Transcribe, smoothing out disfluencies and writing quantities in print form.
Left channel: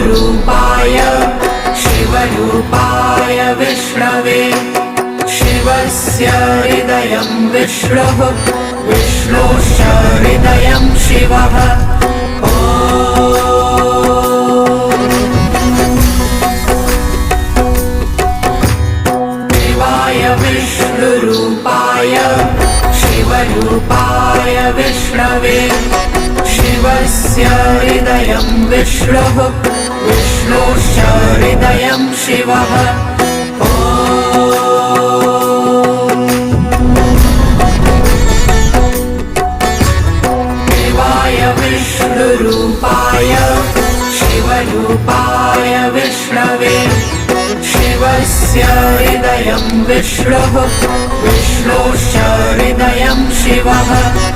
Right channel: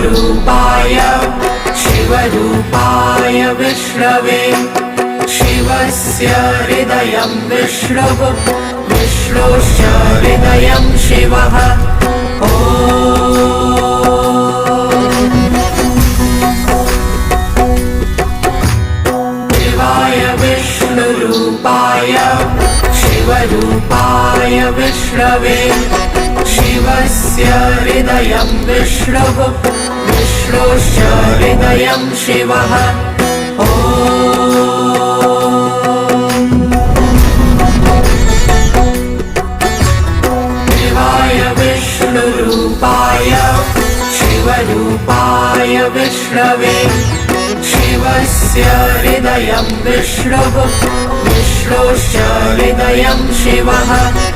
विष्णुरूपाय शिवरूपाय विष्णवे शिवस्य हृदयं विष्णुः विष्णोश्च हृदयं शिवः शिवाय विष्णुरूपाय शिवरूपाय विष्णवे शिवस्य हृदयं विष्णुः विष्णोश्च हृदयं शिवः शिवाय विष्णुरूपाय शिवरूपाय विष्णवे शिवस्य हृदयं विष्णुः विष्णोश्च हृदयं शिवः